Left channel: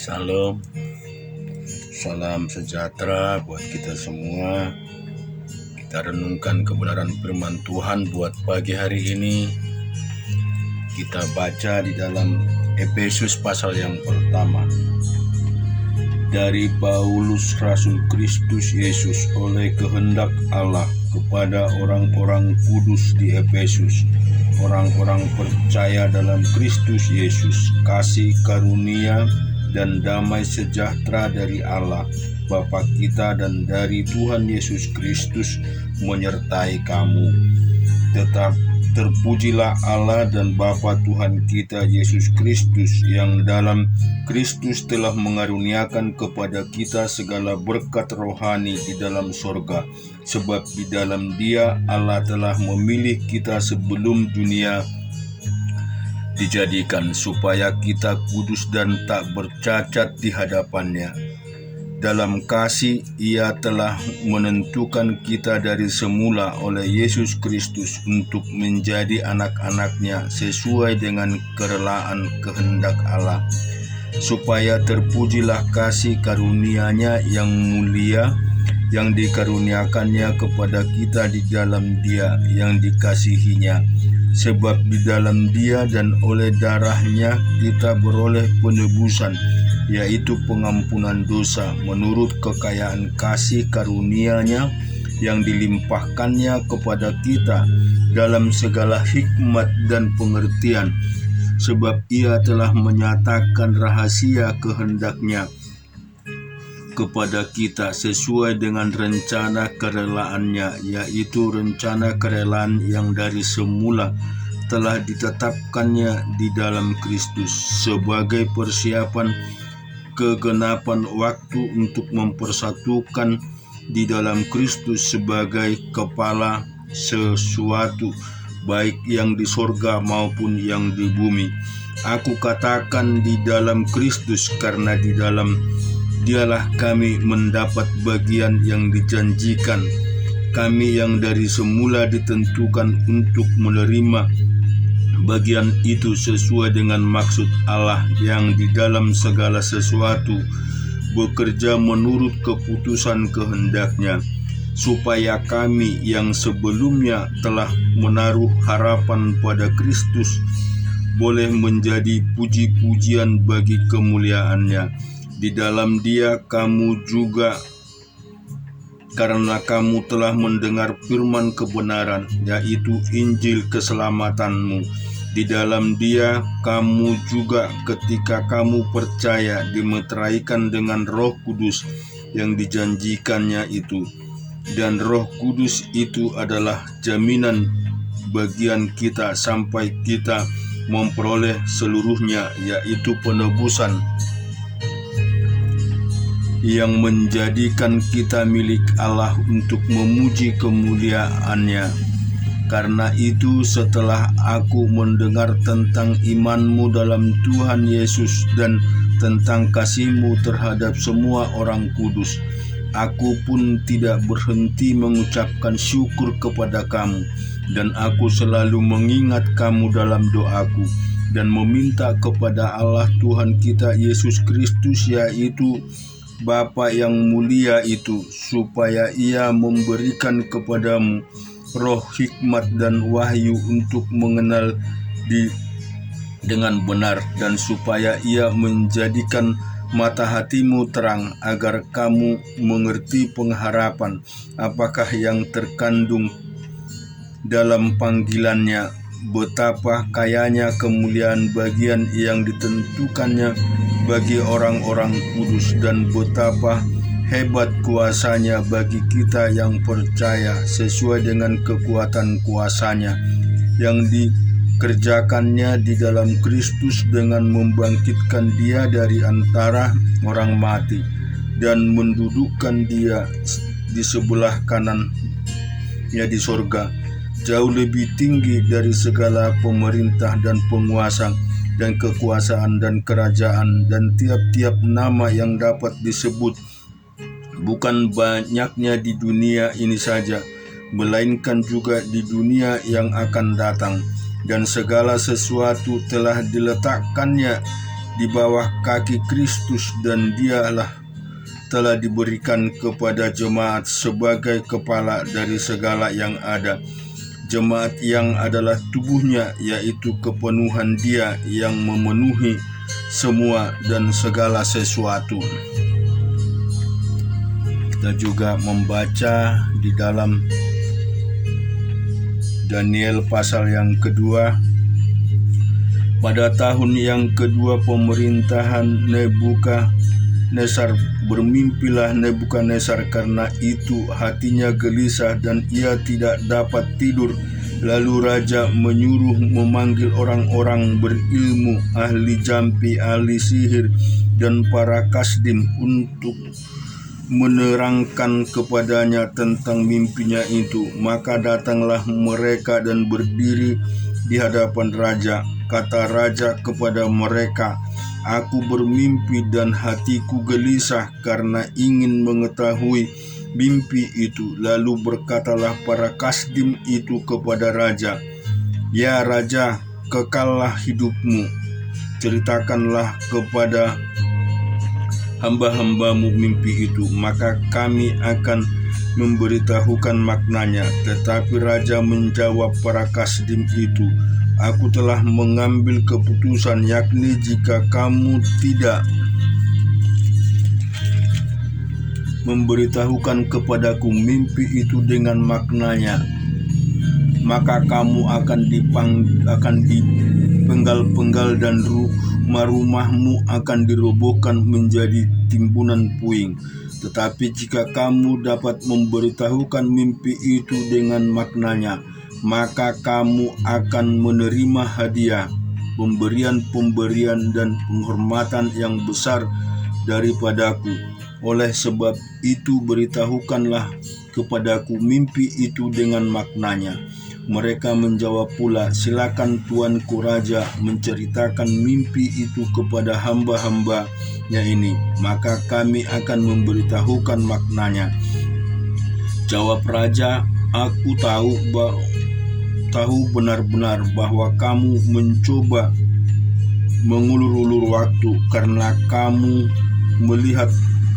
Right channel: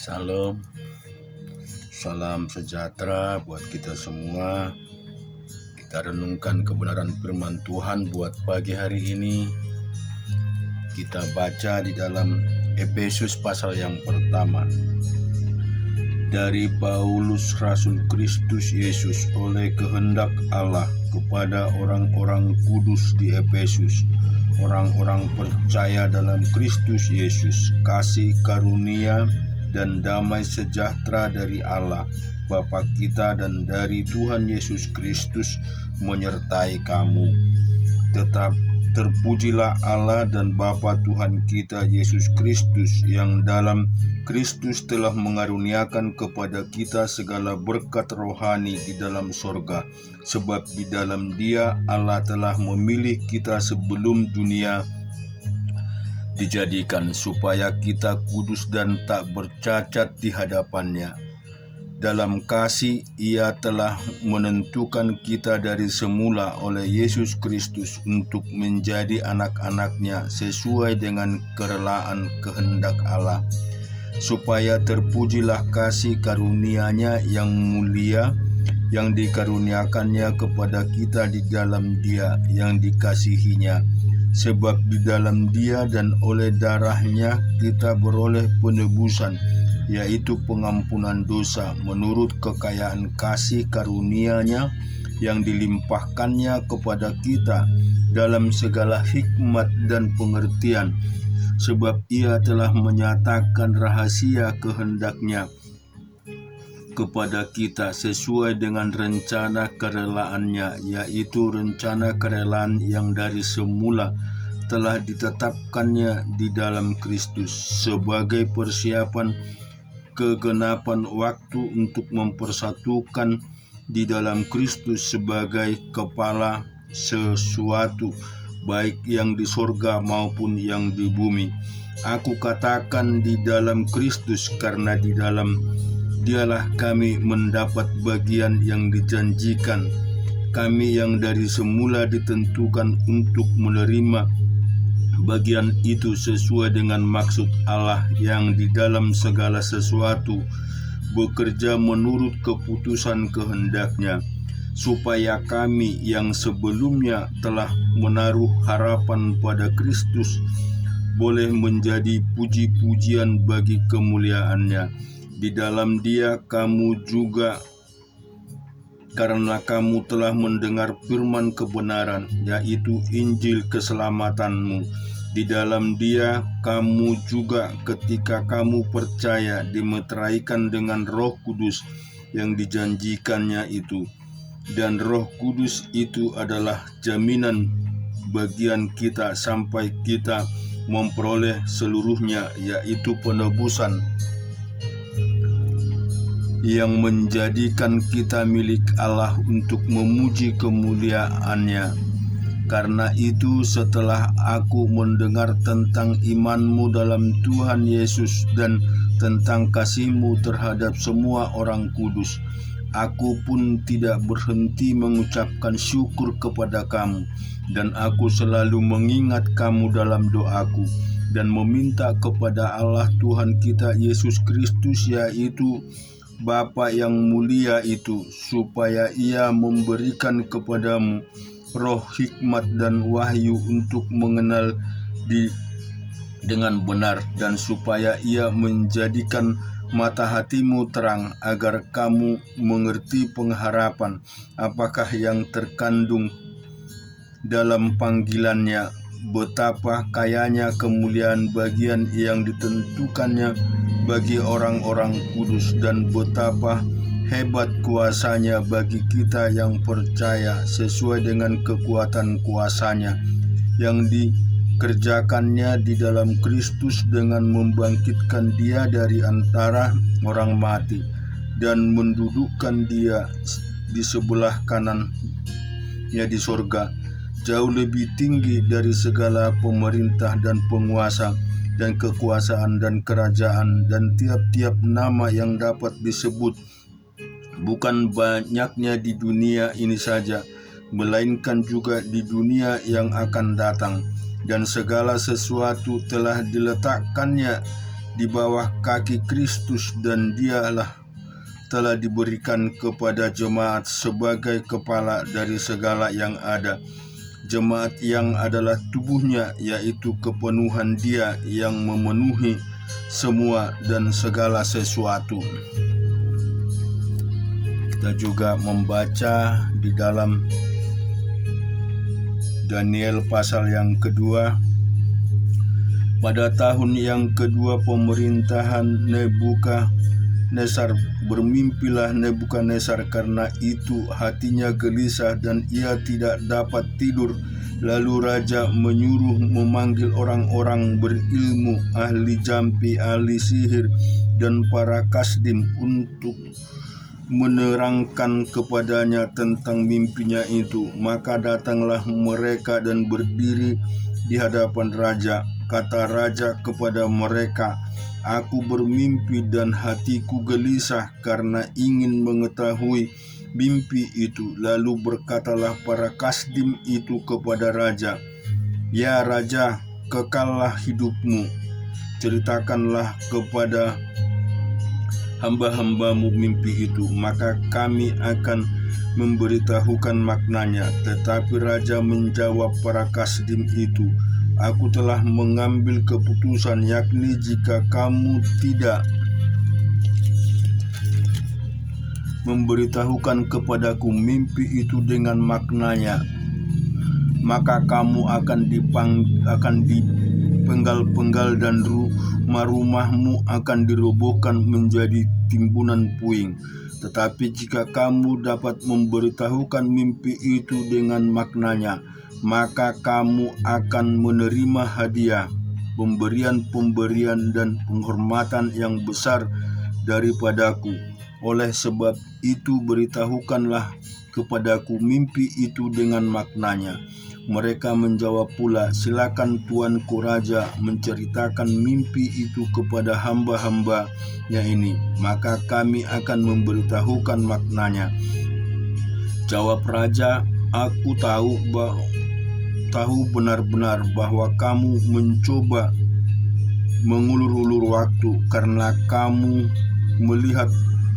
Salam, salam sejahtera buat kita semua. Kita renungkan kebenaran firman Tuhan buat pagi hari ini. Kita baca di dalam Efesus pasal yang pertama. Dari Paulus Rasul Kristus Yesus oleh kehendak Allah kepada orang-orang kudus di Efesus, orang-orang percaya dalam Kristus Yesus, kasih karunia dan damai sejahtera dari Allah Bapa kita dan dari Tuhan Yesus Kristus menyertai kamu. Tetap terpujilah Allah dan Bapa Tuhan kita Yesus Kristus, yang dalam Kristus telah mengaruniakan kepada kita segala berkat rohani di dalam sorga, sebab di dalam Dia Allah telah memilih kita sebelum dunia dijadikan, supaya kita kudus dan tak bercacat di hadapannya. Dalam kasih Ia telah menentukan kita dari semula oleh Yesus Kristus untuk menjadi anak-anak-Nya sesuai dengan kerelaan kehendak Allah, supaya terpujilah kasih karunia-Nya yang mulia yang dikaruniakannya kepada kita di dalam Dia yang dikasihinya. Sebab di dalam Dia dan oleh darah-Nya kita beroleh penebusan, yaitu pengampunan dosa menurut kekayaan kasih karunia-Nya yang dilimpahkannya kepada kita dalam segala hikmat dan pengertian. Sebab Ia telah menyatakan rahasia kehendak-Nya kepada kita sesuai dengan rencana kerelaannya, yaitu rencana kerelaan yang dari semula telah ditetapkannya di dalam Kristus sebagai persiapan kegenapan waktu untuk mempersatukan di dalam Kristus sebagai kepala sesuatu, baik yang di sorga maupun yang di bumi. Aku katakan di dalam Kristus, karena di dalam Dialah kami mendapat bagian yang dijanjikan, kami yang dari semula ditentukan untuk menerima bagian itu sesuai dengan maksud Allah yang di dalam segala sesuatu bekerja menurut keputusan kehendak-Nya, supaya kami yang sebelumnya telah menaruh harapan pada Kristus boleh menjadi puji-pujian bagi kemuliaan-Nya. Di dalam Dia kamu juga, karena kamu telah mendengar firman kebenaran, yaitu Injil keselamatanmu. Di dalam Dia kamu juga ketika kamu percaya dimeteraikan dengan Roh Kudus yang dijanjikannya itu. Dan Roh Kudus itu adalah jaminan bagian kita sampai kita memperoleh seluruhnya, yaitu penebusan yang menjadikan kita milik Allah untuk memuji kemuliaan-Nya. Karena itu, setelah aku mendengar tentang imanmu dalam Tuhan Yesus dan tentang kasih-Mu terhadap semua orang kudus, aku pun tidak berhenti mengucapkan syukur kepada kamu, dan aku selalu mengingat kamu dalam doaku dan meminta kepada Allah Tuhan kita Yesus Kristus, yaitu Bapa yang mulia itu, supaya Ia memberikan kepadamu roh hikmat dan wahyu untuk mengenal dengan benar, dan supaya Ia menjadikan mata hatimu terang, agar kamu mengerti pengharapan apakah yang terkandung dalam panggilan-Nya, betapa kayanya kemuliaan bagian yang ditentukannya bagi orang-orang kudus, dan betapa hebat kuasa-Nya bagi kita yang percaya, sesuai dengan kekuatan kuasa-Nya yang dikerjakannya di dalam Kristus dengan membangkitkan Dia dari antara orang mati dan mendudukkan Dia di sebelah kanan-Nya di sorga, jauh lebih tinggi dari segala pemerintah dan penguasa dan kekuasaan dan kerajaan dan tiap-tiap nama yang dapat disebut, bukan banyaknya di dunia ini saja, melainkan juga di dunia yang akan datang. Dan segala sesuatu telah diletakkannya di bawah kaki Kristus, dan dialah telah diberikan kepada jemaat sebagai kepala dari segala yang ada. Jemaat yang adalah tubuhnya, yaitu kepenuhan Dia yang memenuhi semua dan segala sesuatu. Kita juga membaca di dalam Daniel pasal yang kedua. Pada tahun yang kedua pemerintahan Nebukadnezar, bermimpilah Nebukadnezar, karena itu hatinya gelisah dan ia tidak dapat tidur. Lalu raja menyuruh memanggil orang-orang berilmu, ahli jampi, ahli sihir, dan para kasdim untuk menerangkan kepadanya tentang mimpinya itu. Maka datanglah mereka dan berdiri di hadapan raja. Kata raja kepada mereka, "Aku bermimpi dan hatiku gelisah karena ingin mengetahui mimpi itu." Lalu berkatalah para kasdim itu kepada raja, "Ya raja, kekallah hidupmu. Ceritakanlah kepada hamba-hambamu mimpi itu, maka kami akan memberitahukan maknanya." Tetapi raja menjawab para kasdim itu, "Aku telah mengambil keputusan, yakni jika kamu tidak memberitahukan kepadaku mimpi itu dengan maknanya, maka kamu akan dipenggal-penggal dan rumah-rumahmu akan dirobohkan menjadi timbunan puing. Tetapi jika kamu dapat memberitahukan mimpi itu dengan maknanya, maka kamu akan menerima hadiah, pemberian-pemberian dan penghormatan yang besar daripadaku. Oleh sebab itu beritahukanlah kepadaku mimpi itu dengan maknanya." Mereka menjawab pula, "Silakan tuanku raja menceritakan mimpi itu kepada hamba-hambanya ini, maka kami akan memberitahukan maknanya." Jawab raja, "Aku tahu benar-benar bahwa kamu mencoba mengulur-ulur waktu, karena kamu melihat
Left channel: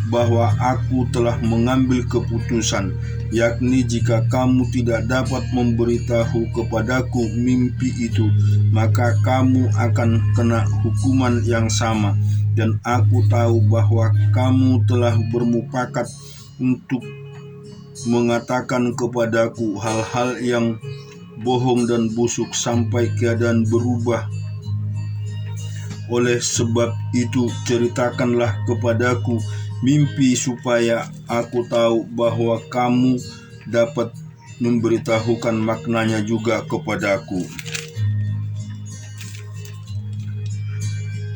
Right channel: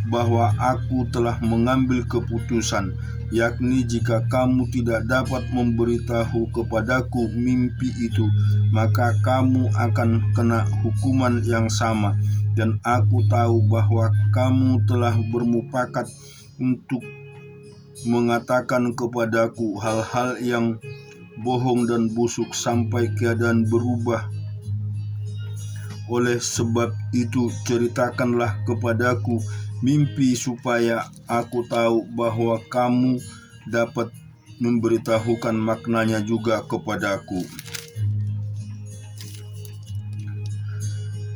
bahwa aku telah mengambil keputusan, yakni jika kamu tidak dapat memberitahu kepadaku mimpi itu, maka kamu akan kena hukuman yang sama. Dan aku tahu bahwa kamu telah bermufakat untuk mengatakan kepadaku hal-hal yang bohong dan busuk sampai keadaan berubah. Oleh sebab itu ceritakanlah kepadaku mimpi supaya aku tahu bahwa kamu dapat memberitahukan maknanya juga kepadaku."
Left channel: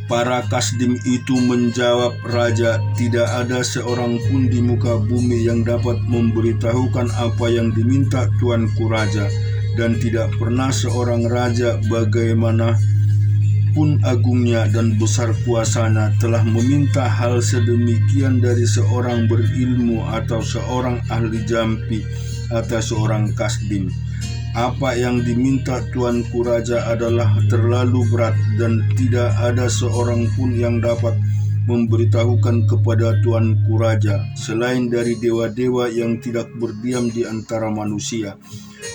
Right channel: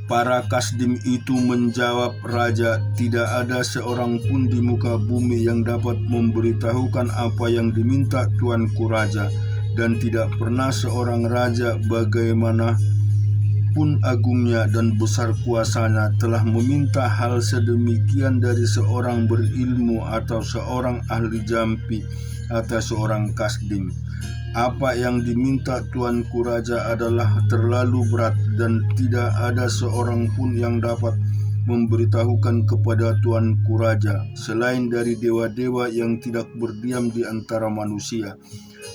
Para kasdim itu menjawab raja, "Tidak ada seorang pun di muka bumi yang dapat memberitahukan apa yang diminta tuanku raja, dan tidak pernah seorang raja bagaimana pun agungnya dan besar kuasanya telah meminta hal sedemikian dari seorang berilmu atau seorang ahli jampi atau seorang kasdim. Apa yang diminta tuanku raja adalah terlalu berat, dan tidak ada seorang pun yang dapat memberitahukan kepada tuanku raja selain dari dewa-dewa yang tidak berdiam di antara manusia."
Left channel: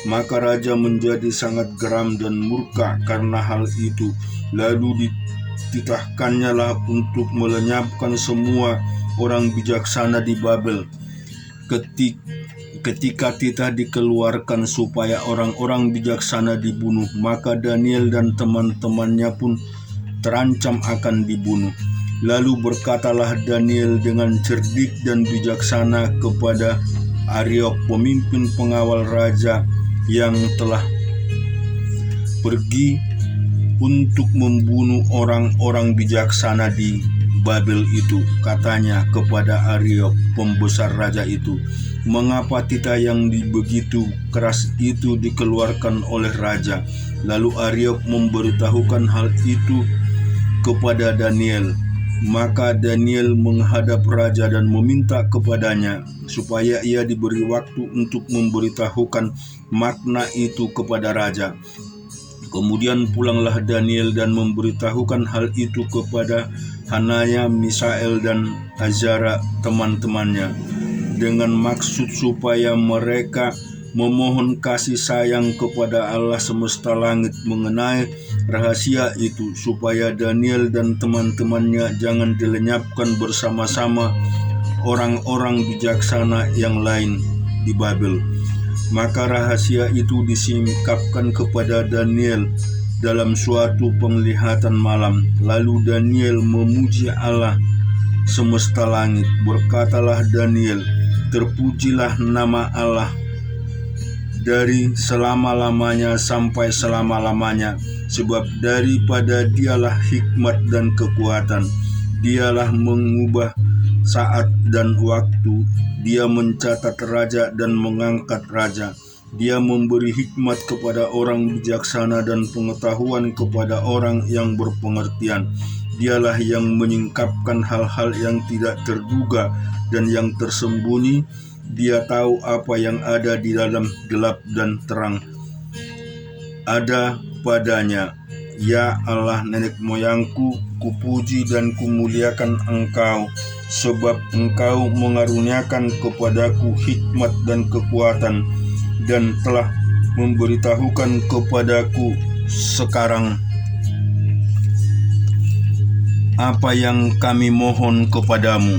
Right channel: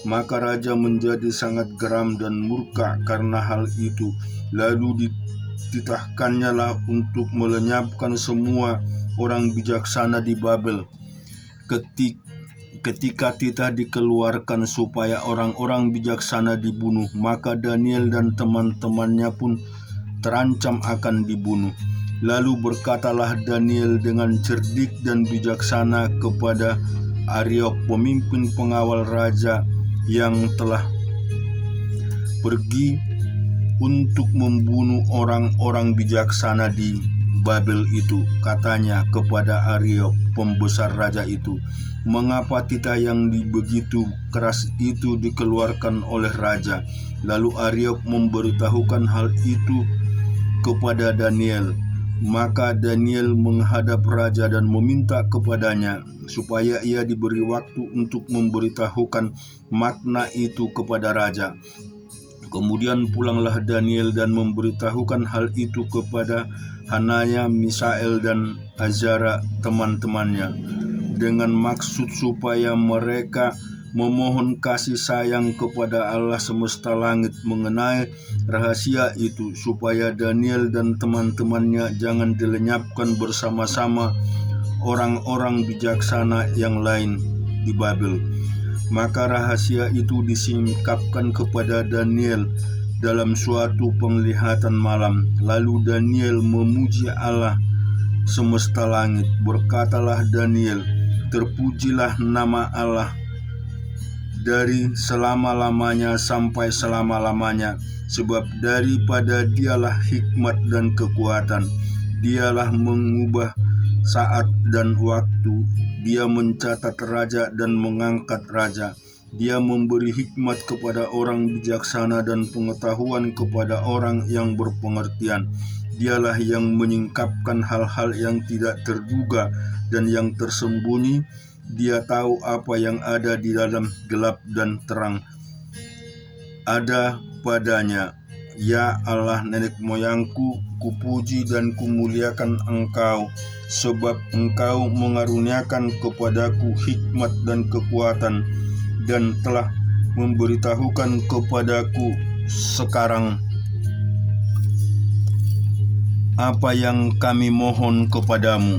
Maka raja menjadi sangat geram dan murka karena hal itu. Lalu dititahkannya lah untuk melenyapkan semua orang bijaksana di Babel. Ketika titah dikeluarkan supaya orang-orang bijaksana dibunuh, maka Daniel dan teman-temannya pun terancam akan dibunuh. Lalu berkatalah Daniel dengan cerdik dan bijaksana kepada Ariok, pemimpin pengawal raja yang telah pergi untuk membunuh orang-orang bijaksana di Babel itu. Katanya kepada Ariok, pembesar raja itu, "Mengapa titah yang begitu keras itu dikeluarkan oleh raja?" Lalu Ariok memberitahukan hal itu kepada Daniel. Maka Daniel menghadap raja dan meminta kepadanya supaya ia diberi waktu untuk memberitahukan makna itu kepada raja. Kemudian pulanglah Daniel dan memberitahukan hal itu kepada Hanaya, Misael, dan Azara teman-temannya, dengan maksud supaya mereka memohon kasih sayang kepada Allah semesta langit mengenai rahasia itu, supaya Daniel dan teman-temannya jangan dilenyapkan bersama-sama orang-orang bijaksana yang lain di Babel. Maka rahasia itu disingkapkan kepada Daniel dalam suatu penglihatan malam. Lalu Daniel memuji Allah semesta langit. Berkatalah Daniel, terpujilah nama Allah dari selama-lamanya sampai selama-lamanya, sebab daripada Dialah hikmat dan kekuatan. Dialah mengubah saat dan waktu. Dia mencatat raja dan mengangkat raja. Dia memberi hikmat kepada orang bijaksana dan pengetahuan kepada orang yang berpengertian. Dialah yang menyingkapkan hal-hal yang tidak terduga dan yang tersembunyi. Dia tahu apa yang ada di dalam gelap dan terang ada padanya. Ya Allah nenek moyangku, kupuji dan kumuliakan Engkau, sebab Engkau mengaruniakan kepadaku hikmat dan kekuatan, dan telah memberitahukan kepadaku sekarang apa yang kami mohon kepadamu.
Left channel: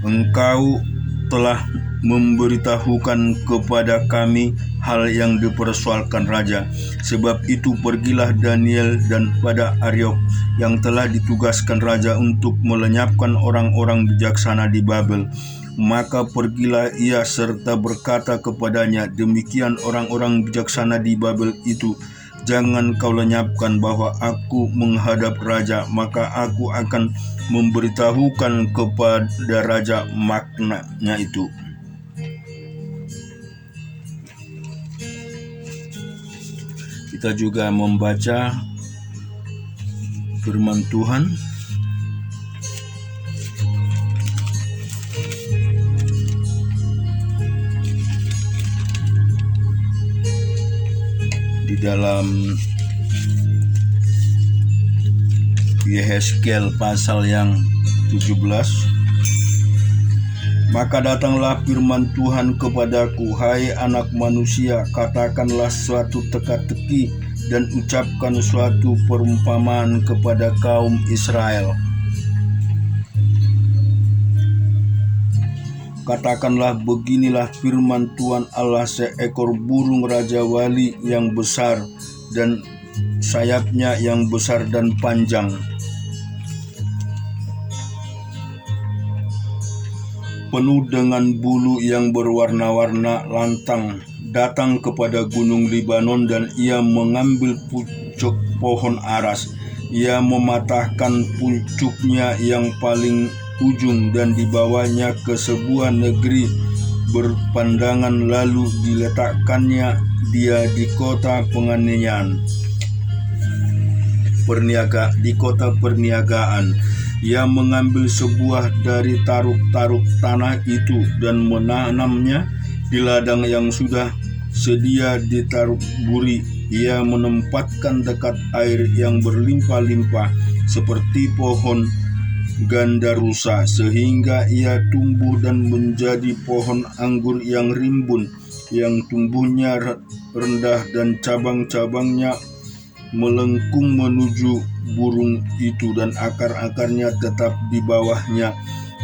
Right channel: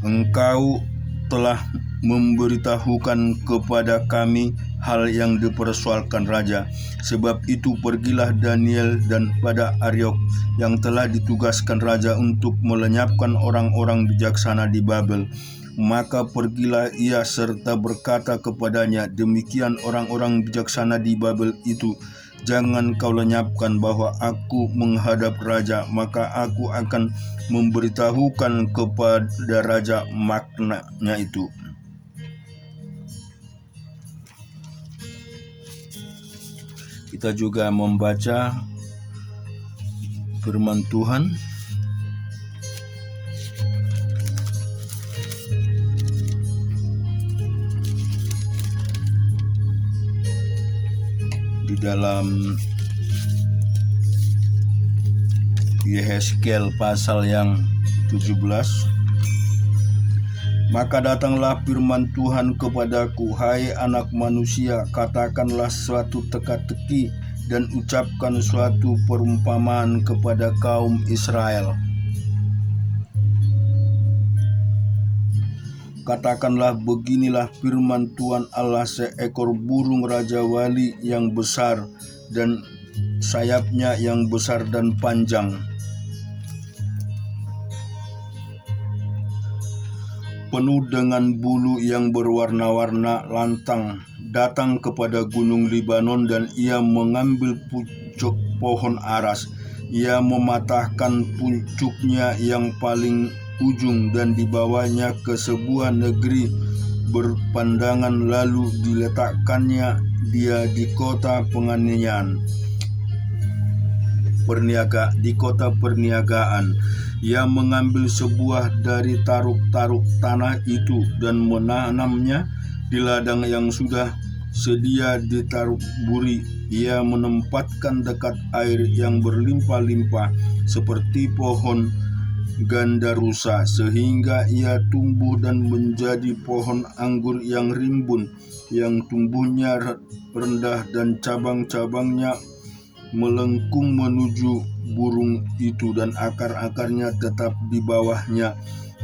Engkau telah memberitahukan kepada kami hal yang dipersoalkan raja. Sebab itu pergilah Daniel dan pada Aryok yang telah ditugaskan raja untuk melenyapkan orang-orang bijaksana di Babel. Maka pergilah ia serta berkata kepadanya, demikian orang-orang bijaksana di Babel itu, jangan kau lenyapkan bahwa aku menghadap raja, maka aku akan memberitahukan kepada raja maknanya itu. Kita juga membaca firman Tuhan di dalam Yehezkiel pasal yang 17. Maka datanglah firman Tuhan kepadaku, hai anak manusia, katakanlah suatu teka-teki dan ucapkan suatu perumpamaan kepada kaum Israel. Katakanlah, beginilah firman Tuhan Allah, seekor burung raja wali yang besar dan sayapnya yang besar dan panjang, penuh dengan bulu yang berwarna-warna lantang, datang kepada gunung Libanon, dan ia mengambil pucuk pohon aras. Ia mematahkan pucuknya yang paling ujung dan dibawanya ke sebuah negeri berpandangan, lalu diletakkannya dia di kota penganiayaan, di kota perniagaan. Ia mengambil sebuah dari taruk-taruk tanah itu dan menanamnya di ladang yang sudah sedia ditaruk buri. Ia menempatkan dekat air yang berlimpah-limpah seperti pohon gandarusa, sehingga ia tumbuh dan menjadi pohon anggur yang rimbun, yang tumbuhnya rendah dan cabang-cabangnya melengkung menuju burung itu, dan akar-akarnya tetap di bawahnya.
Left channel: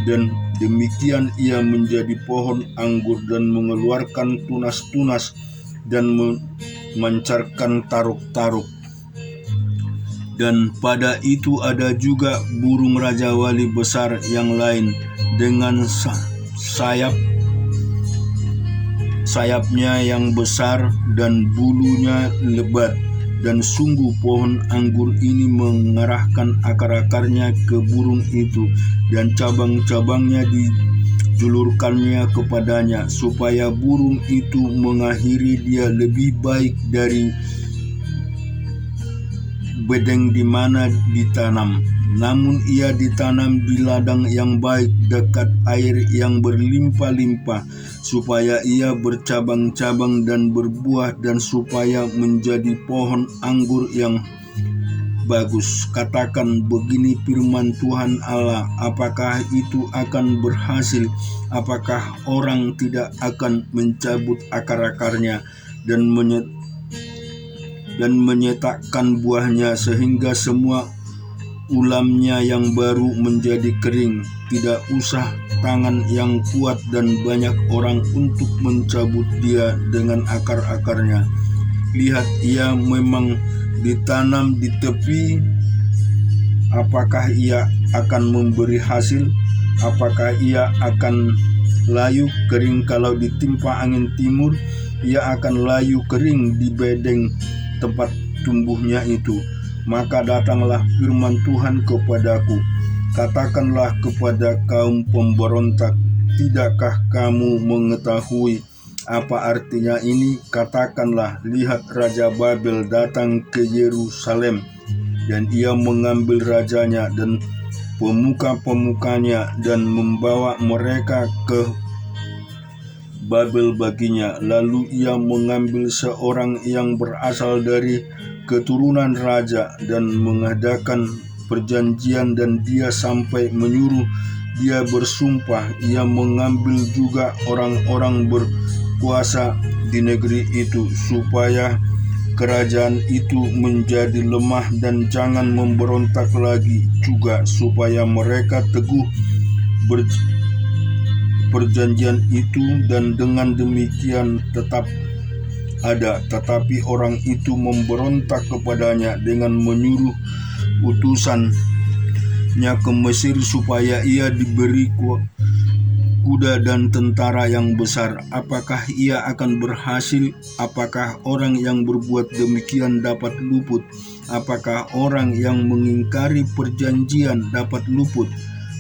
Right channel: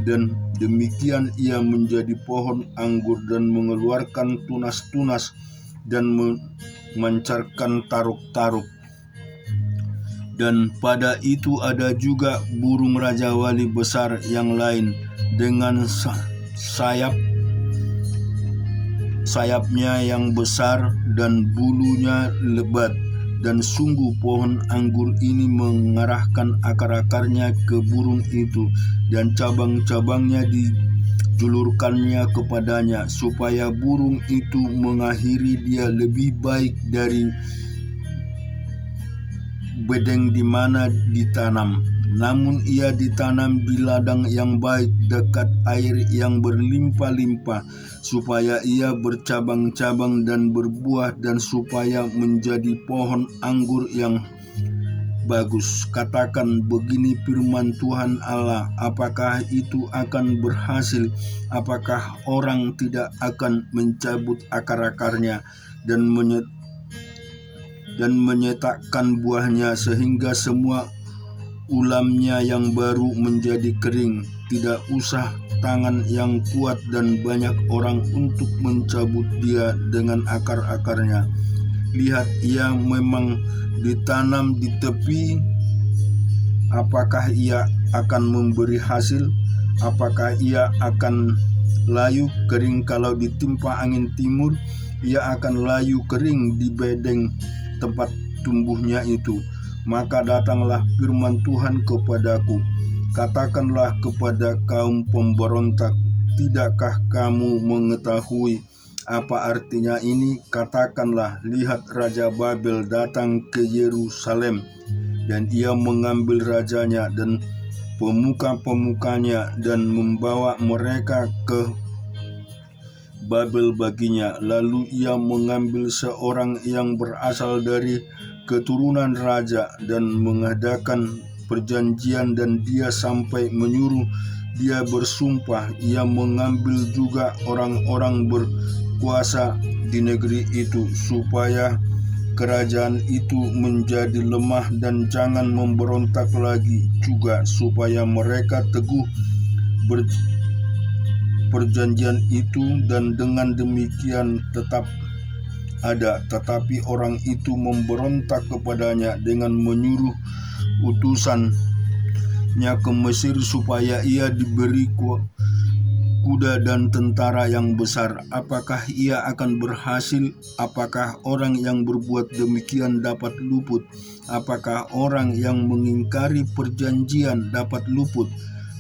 Dan demikian ia menjadi pohon anggur dan mengeluarkan tunas-tunas dan memancarkan taruk-taruk. Dan pada itu ada juga burung raja wali besar yang lain dengan sayapnya yang besar dan bulunya lebat. Dan sungguh pohon anggur ini mengarahkan akar-akarnya ke burung itu, dan cabang-cabangnya dijulurkannya kepadanya, supaya burung itu mengakhiri dia lebih baik bedeng di mana ditanam, namun ia ditanam di ladang yang baik dekat air yang berlimpah-limpah, supaya ia bercabang-cabang dan berbuah, dan supaya menjadi pohon anggur yang bagus. Katakan, begini firman Tuhan Allah, apakah itu akan berhasil? Apakah orang tidak akan mencabut akar-akarnya dan menyetakkan buahnya, sehingga semua ulamnya yang baru menjadi kering? Tidak usah tangan yang kuat dan banyak orang untuk mencabut dia dengan akar-akarnya. Lihat, ia memang ditanam di tepi. Apakah ia akan memberi hasil? Apakah ia akan layu kering kalau ditimpa angin timur? Ia akan layu kering di bedeng tempat tumbuhnya itu. Maka datanglah firman Tuhan kepadaku, katakanlah kepada kaum pemberontak, tidakkah kamu mengetahui apa artinya ini? Katakanlah, lihat, Raja Babel datang ke Yerusalem, dan ia mengambil rajanya dan pemuka-pemukanya dan membawa mereka ke Babel baginya. Lalu ia mengambil seorang yang berasal dari keturunan raja dan mengadakan perjanjian, dan dia sampai menyuruh dia bersumpah. Ia mengambil juga orang-orang berkuasa di negeri itu, supaya kerajaan itu menjadi lemah, dan jangan memberontak lagi juga, supaya mereka teguh perjanjian itu, dan dengan demikian tetap ada. Tetapi orang itu memberontak kepadanya dengan menyuruh utusannya ke Mesir, supaya ia diberi kuda dan tentara yang besar. Apakah ia akan berhasil? Apakah orang yang berbuat demikian dapat luput? Apakah orang yang mengingkari perjanjian dapat luput?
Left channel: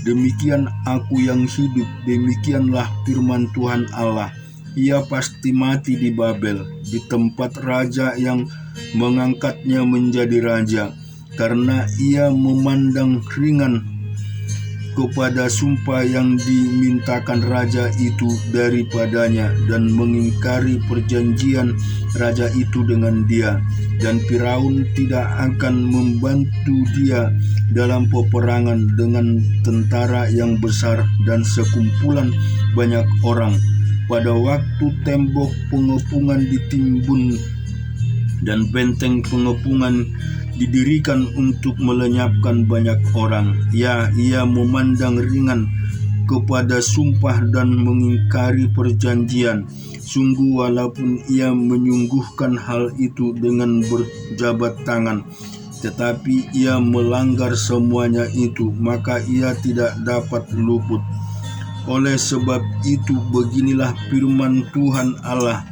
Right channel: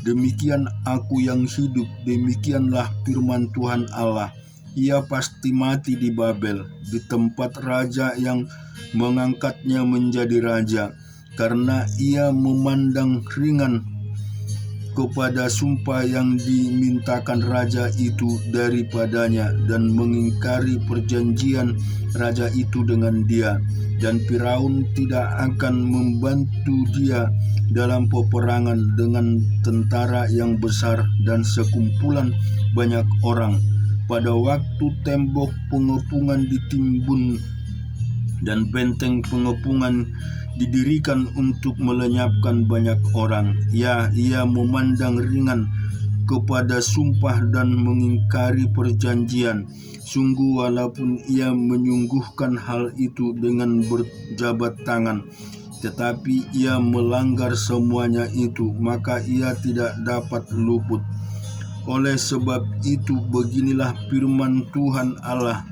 Demikian aku yang hidup, demikianlah firman Tuhan Allah, ia pasti mati di Babel, di tempat raja yang mengangkatnya menjadi raja, karena ia memandang ringan kepada sumpah yang dimintakan raja itu daripadanya, dan mengingkari perjanjian raja itu dengan dia. Dan Firaun tidak akan membantu dia dalam peperangan dengan tentara yang besar dan sekumpulan banyak orang. Pada waktu tembok pengepungan ditimbun dan benteng pengepungan didirikan untuk melenyapkan banyak orang, ya, ia memandang ringan kepada sumpah dan mengingkari perjanjian. Sungguh, walaupun ia menyungguhkan hal itu dengan berjabat tangan, tetapi ia melanggar semuanya itu, maka ia tidak dapat luput. Oleh sebab itu, beginilah firman Tuhan Allah,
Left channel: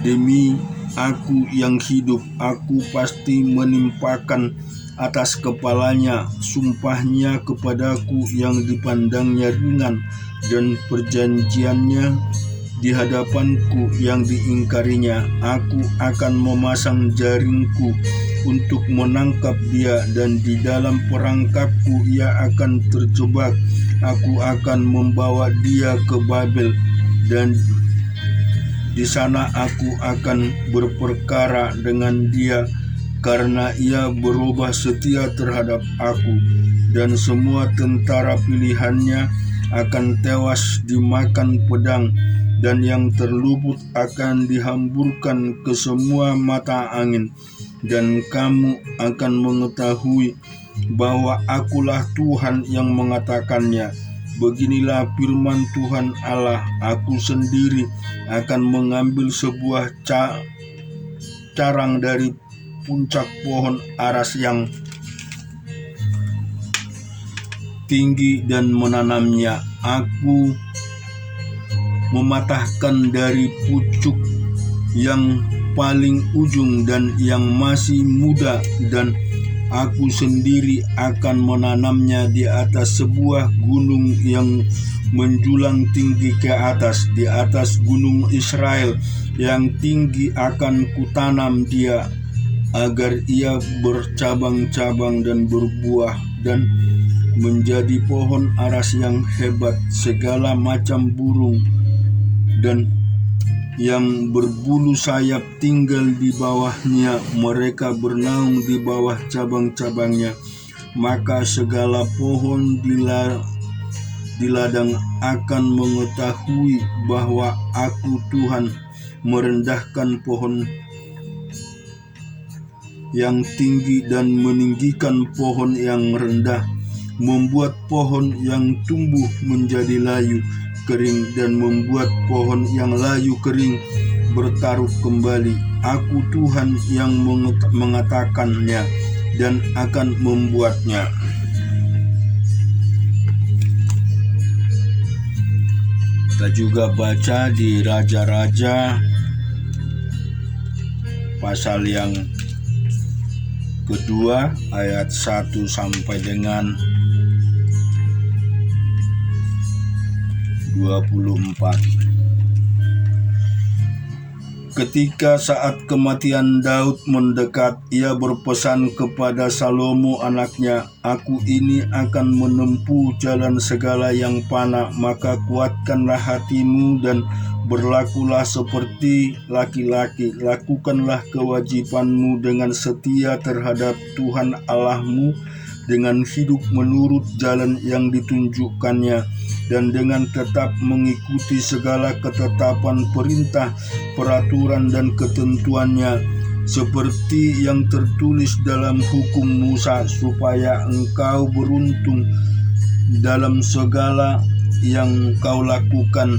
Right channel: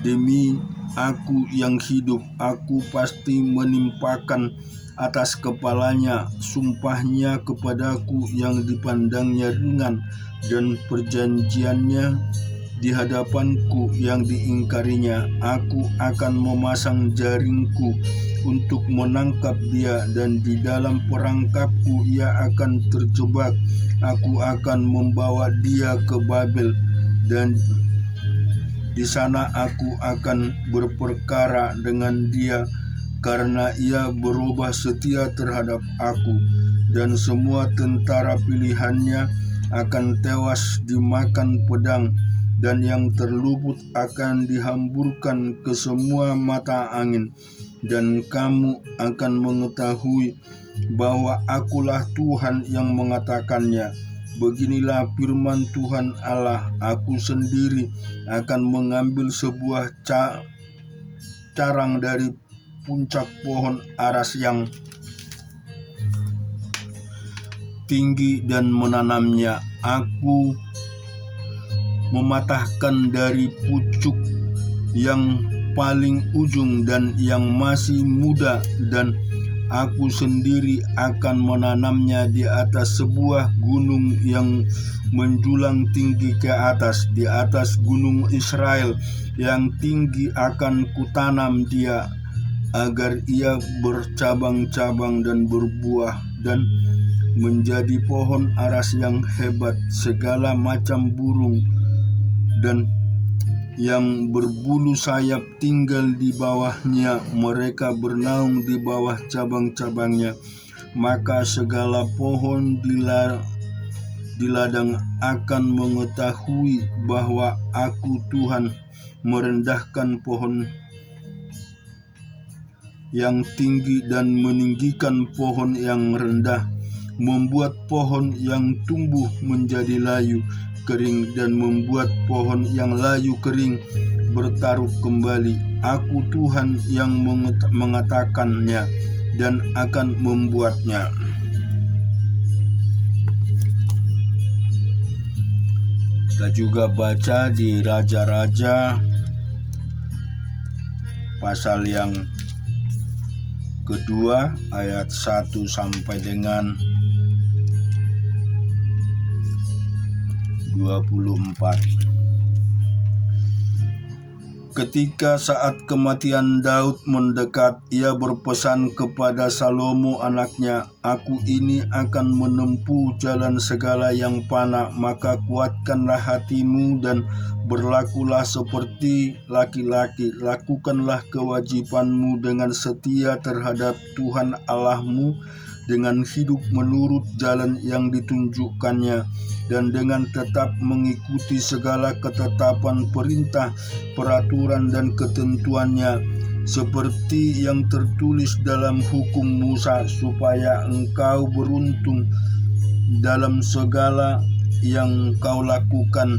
demi aku yang hidup, aku pasti menimpakan atas kepalanya sumpahnya kepadaku yang dipandangnya ringan, dan perjanjiannya di hadapanku yang diingkarinya. Aku akan memasang jaringku untuk menangkap dia, dan di dalam perangkapku ia akan terjebak. Aku akan membawa dia ke Babel, dan di sana aku akan berperkara dengan dia, karena ia berubah setia terhadap aku, dan semua tentara pilihannya akan tewas dimakan pedang, dan yang terluput akan dihamburkan ke semua mata angin. Dan kamu akan mengetahui bahwa akulah Tuhan yang mengatakannya. Beginilah firman Tuhan Allah, aku sendiri akan mengambil sebuah carang dari puncak pohon aras yang tinggi dan menanamnya. Aku mematahkan dari pucuk yang paling ujung dan yang masih muda, dan aku sendiri akan menanamnya di atas sebuah gunung yang menjulang tinggi ke atas. Di atas gunung Israel yang tinggi akan kutanam dia, agar ia bercabang-cabang dan berbuah dan menjadi pohon aras yang hebat. Segala macam burung dan yang berbulu sayap tinggal di bawahnya, mereka bernaung di bawah cabang-cabangnya. Maka segala pohon di ladang akan mengetahui bahwa Aku Tuhan merendahkan pohon yang tinggi dan meninggikan pohon yang rendah, membuat pohon yang tumbuh menjadi layu kering dan membuat pohon yang layu kering bertaruh kembali. Aku Tuhan yang mengatakannya dan akan membuatnya. Kita juga baca di Raja-Raja pasal yang kedua ayat 1 sampai dengan 24. Ketika saat kematian Daud mendekat, ia berpesan kepada Salomo anaknya, "Aku ini akan menempuh jalan segala yang panah, maka kuatkanlah hatimu dan berlakulah seperti laki-laki. Lakukanlah kewajibanmu dengan setia terhadap Tuhan Allahmu, dengan hidup menurut jalan yang ditunjukkannya, dan dengan tetap mengikuti segala ketetapan, perintah, peraturan, dan ketentuannya, seperti yang tertulis dalam hukum Musa, supaya engkau beruntung dalam segala yang kau lakukan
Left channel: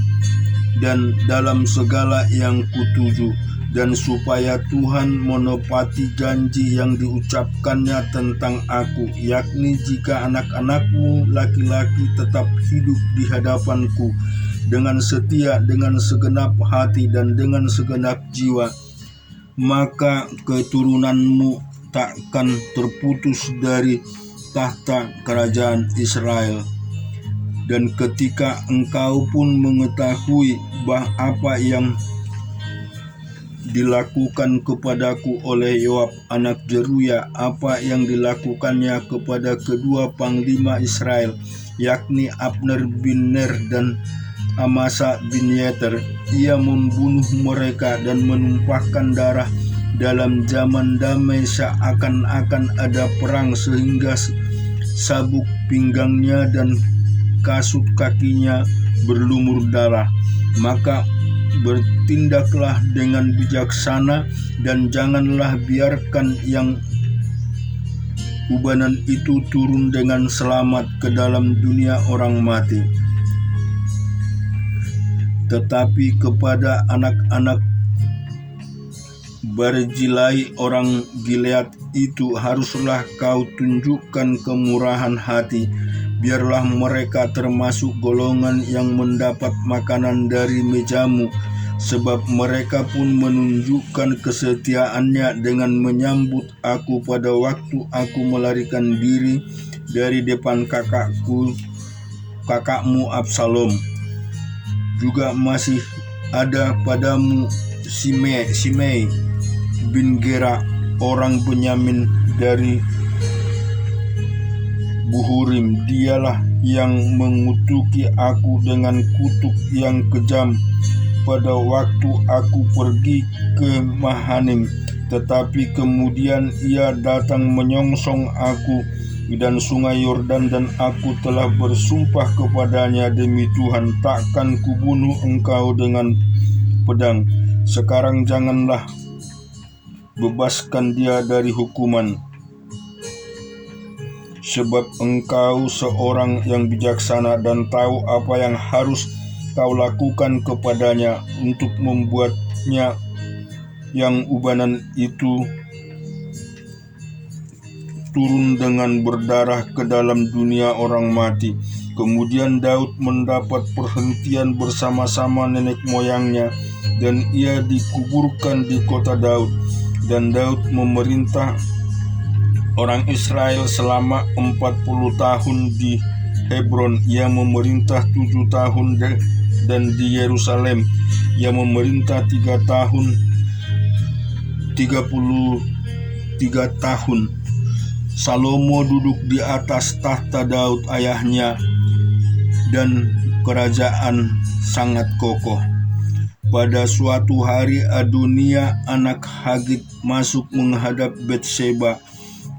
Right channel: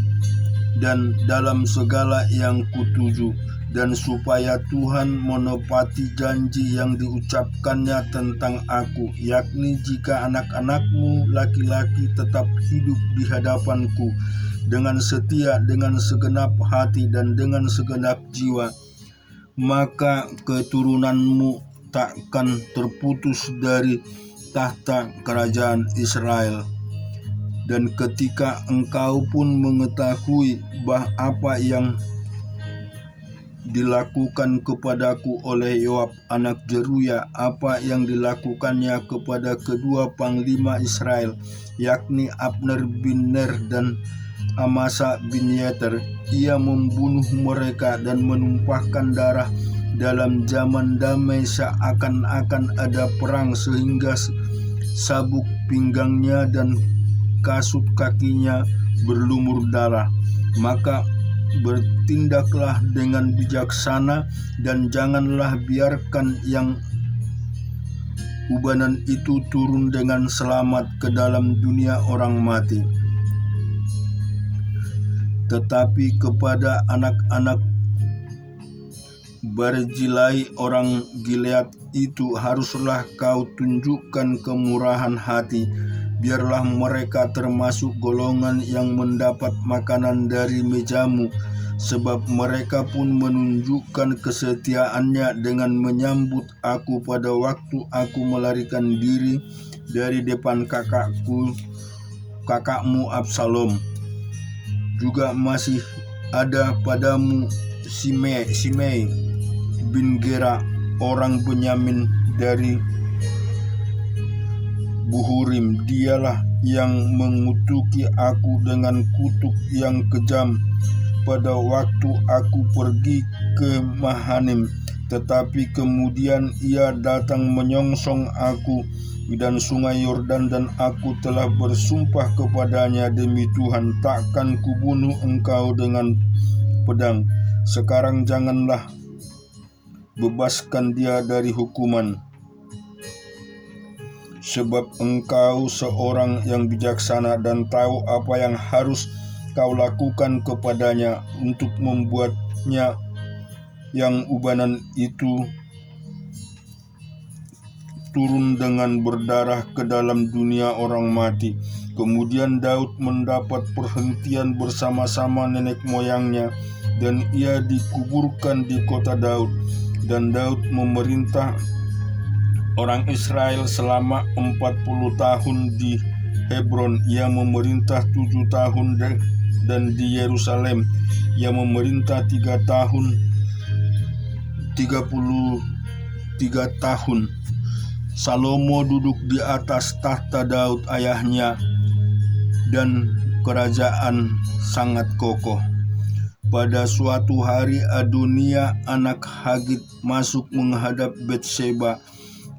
dan dalam segala yang kutuju, dan supaya Tuhan menepati janji yang diucapkannya tentang Aku, yakni jika anak-anakmu laki-laki tetap hidup di hadapanku dengan setia, dengan segenap hati dan dengan segenap jiwa, maka keturunanmu takkan terputus dari tahta kerajaan Israel. Dan ketika engkau pun mengetahui apa yang dilakukan kepadaku oleh Yoab anak Jeruya, apa yang dilakukannya kepada kedua panglima Israel, yakni Abner bin Ner dan Amasa bin Yeter, ia membunuh mereka dan menumpahkan darah dalam zaman damai, seakan-akan ada perang, sehingga sabuk pinggangnya dan kasut kakinya berlumur darah. Maka bertindaklah dengan bijaksana dan janganlah biarkan yang ubanan itu turun dengan selamat ke dalam dunia orang mati. Tetapi kepada anak-anak Barzilai orang Gilead itu haruslah kau tunjukkan kemurahan hati. Biarlah mereka termasuk golongan yang mendapat makanan dari mejamu, sebab mereka pun menunjukkan kesetiaannya dengan menyambut aku pada waktu aku melarikan diri dari depan kakakmu Absalom. Juga masih ada padamu Simei bin Gera orang Benyamin dari Buhurim. Dialah yang mengutuki aku dengan kutuk yang kejam pada waktu aku pergi ke Mahanim, tetapi kemudian ia datang menyongsong aku dan sungai Yordan, dan aku telah bersumpah kepadanya, demi Tuhan, takkan kubunuh engkau dengan pedang. Sekarang janganlah bebaskan dia dari hukuman, sebab engkau seorang yang bijaksana dan tahu apa yang harus kau lakukan kepadanya untuk membuatnya yang ubanan itu turun dengan berdarah ke dalam dunia orang mati. Kemudian Daud mendapat perhentian bersama-sama nenek moyangnya, dan ia dikuburkan di kota Daud. Dan Daud memerintah orang Israel selama 40 tahun di Hebron. Ia memerintah 7 tahun dan di Yerusalem ia memerintah 3 tahun 30 3 tahun. Salomo duduk di atas tahta Daud ayahnya, dan kerajaan sangat kokoh. Pada suatu hari Adonia anak Hagit masuk menghadap Batseba,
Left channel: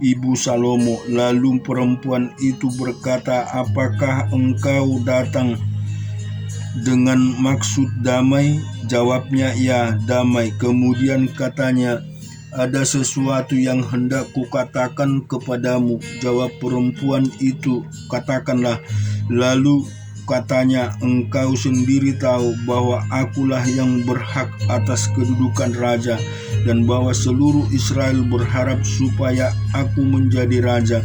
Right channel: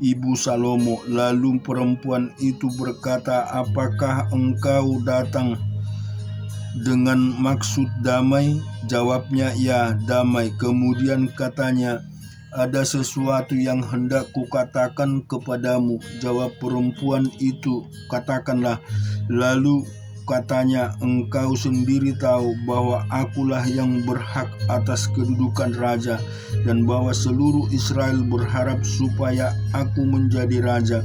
ibu Salomo. Lalu perempuan itu berkata, "Apakah engkau datang dengan maksud damai?" Jawabnya, "Ya, damai." Kemudian katanya, "Ada sesuatu yang hendak kukatakan kepadamu." Jawab perempuan itu, "Katakanlah." Lalu katanya, "Engkau sendiri tahu bahwa akulah yang berhak atas kedudukan raja, dan bahwa seluruh Israel berharap supaya aku menjadi raja.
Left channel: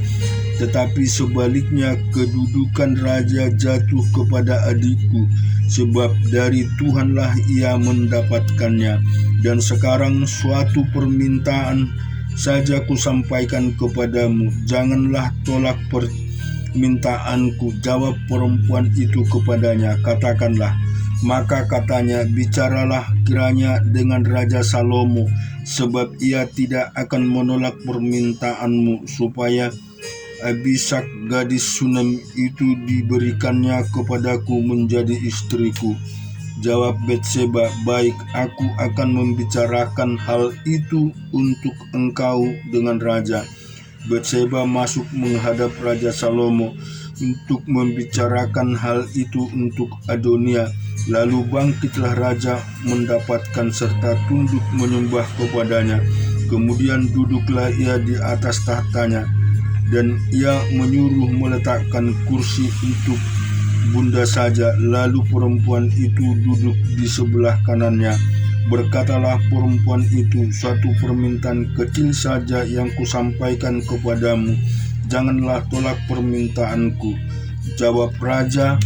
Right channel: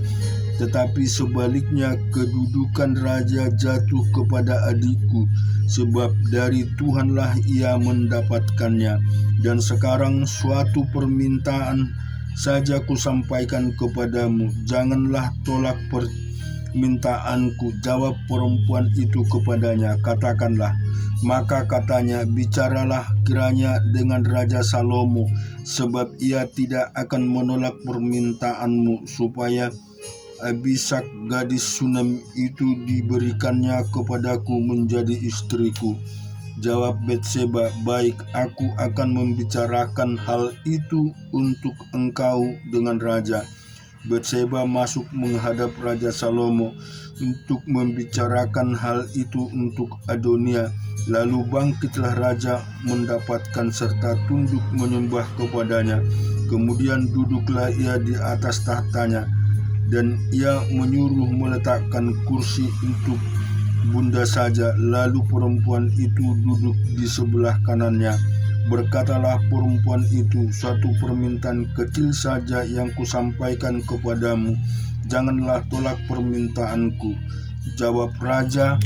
Tetapi sebaliknya kedudukan raja jatuh kepada adikku, sebab dari Tuhanlah ia mendapatkannya. Dan sekarang suatu permintaan saja kusampaikan kepadamu, janganlah tolak permintaanku." Jawab perempuan itu kepadanya, "Katakanlah." Maka katanya, "Bicaralah kiranya dengan Raja Salomo, sebab ia tidak akan menolak permintaanmu, supaya Abisak gadis Sunam itu diberikannya kepadaku menjadi istriku." Jawab Batseba, "Baik, aku akan membicarakan hal itu untuk engkau dengan raja." Batseba masuk menghadap Raja Salomo untuk membicarakan hal itu untuk Adonia. Lalu bangkitlah raja mendapatkan serta tunduk menyembah kepadanya. Kemudian duduklah ia di atas tahtanya, dan ia menyuruh meletakkan kursi untuk bunda saja. Lalu perempuan itu duduk di sebelah kanannya. Berkatalah perempuan itu, "Suatu permintaan kecil saja yang kusampaikan kepadamu, janganlah tolak permintaanku." Jawab raja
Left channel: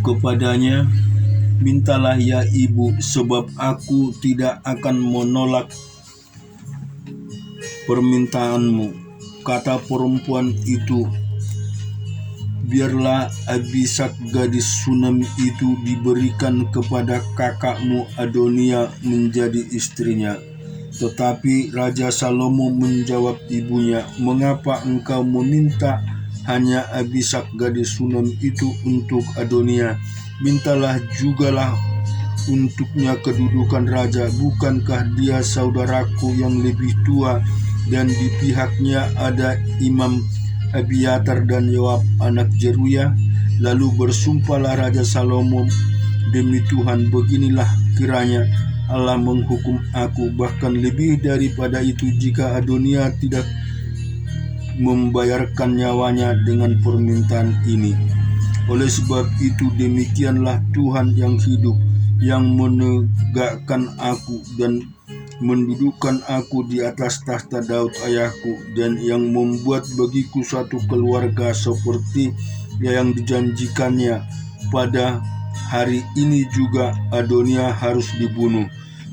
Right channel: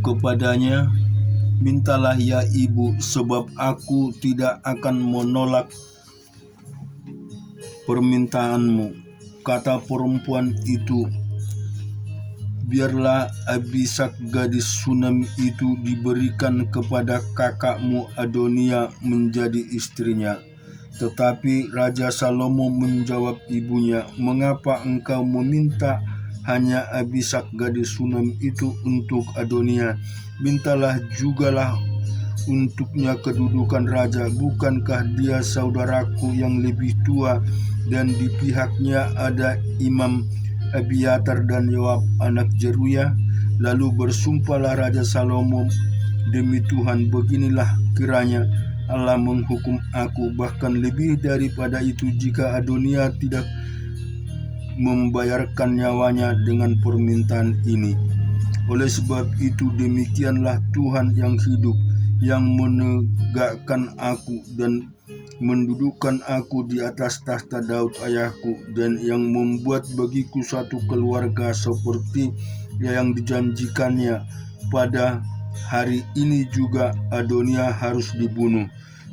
kepadanya, "Mintalah ya ibu, sebab aku tidak akan menolak permintaanmu." Kata perempuan itu, "Biarlah Abisak gadis Sunam itu diberikan kepada kakakmu Adonia menjadi istrinya." Tetapi Raja Salomo menjawab ibunya, "Mengapa engkau meminta hanya Abisak gadis Sunam itu untuk Adonia? Mintalah jugalah untuknya kedudukan raja. Bukankah dia saudaraku yang lebih tua, dan di pihaknya ada Imam Abiatar dan Yoab anak Jeruya?" Lalu bersumpahlah Raja Salomo, "Demi Tuhan, beginilah kiranya Allah menghukum aku, bahkan lebih daripada itu, jika Adonia tidak membayarkan nyawanya dengan permintaan ini. Oleh sebab itu demikianlah Tuhan yang hidup, yang menegakkan aku dan mendudukkan aku di atas tahta Daud ayahku, dan yang membuat bagiku suatu keluarga seperti yang dijanjikannya. Pada hari ini juga Adonia harus dibunuh."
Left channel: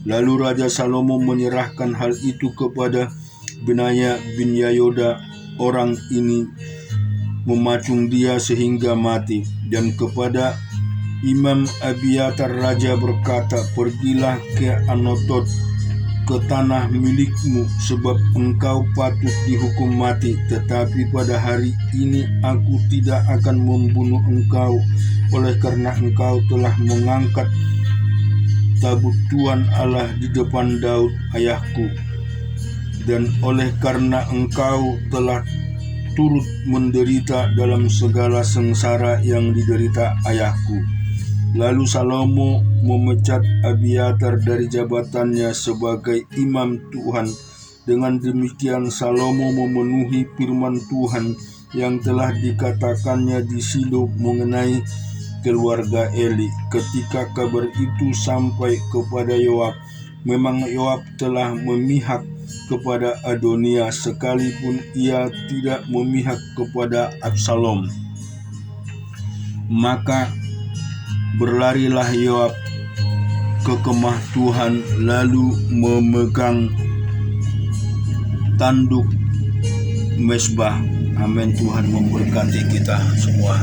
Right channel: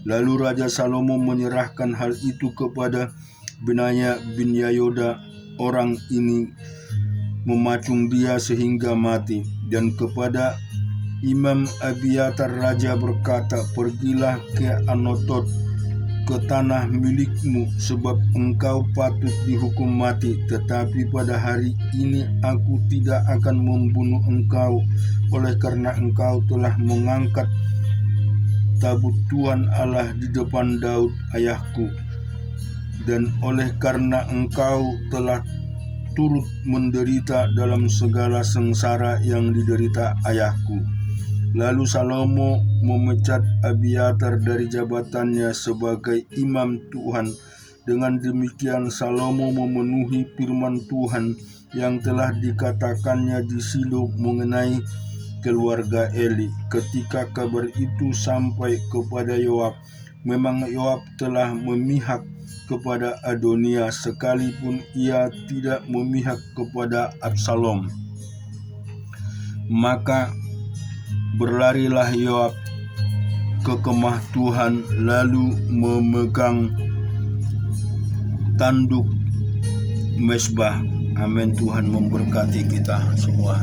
Lalu Raja Salomo menyerahkan hal itu kepada Benaya bin Yehoyada. Orang ini memacung dia sehingga mati. Dan kepada Imam Abiatar raja berkata, "Pergilah ke Anatot, ke tanah milikmu, sebab engkau patut dihukum mati. Tetapi pada hari ini aku tidak akan membunuh engkau, oleh karena engkau telah mengangkat tabut Tuhan Allah di depan Daud ayahku, dan oleh karena engkau telah turut menderita dalam segala sengsara yang diderita ayahku." Lalu Salomo memecat Abiatar dari jabatannya sebagai imam Tuhan. Dengan demikian Salomo memenuhi firman Tuhan yang telah dikatakannya di Shilo mengenai keluarga Eli. Ketika kabar itu sampai kepada Yoab, memang Yoab telah memihak kepada Adonia, sekalipun ia tidak memihak kepada Absalom. Maka berlarilah Yoab ke kemah Tuhan, lalu memegang tanduk mezbah. Amin. Tuhan memberkati kita semua.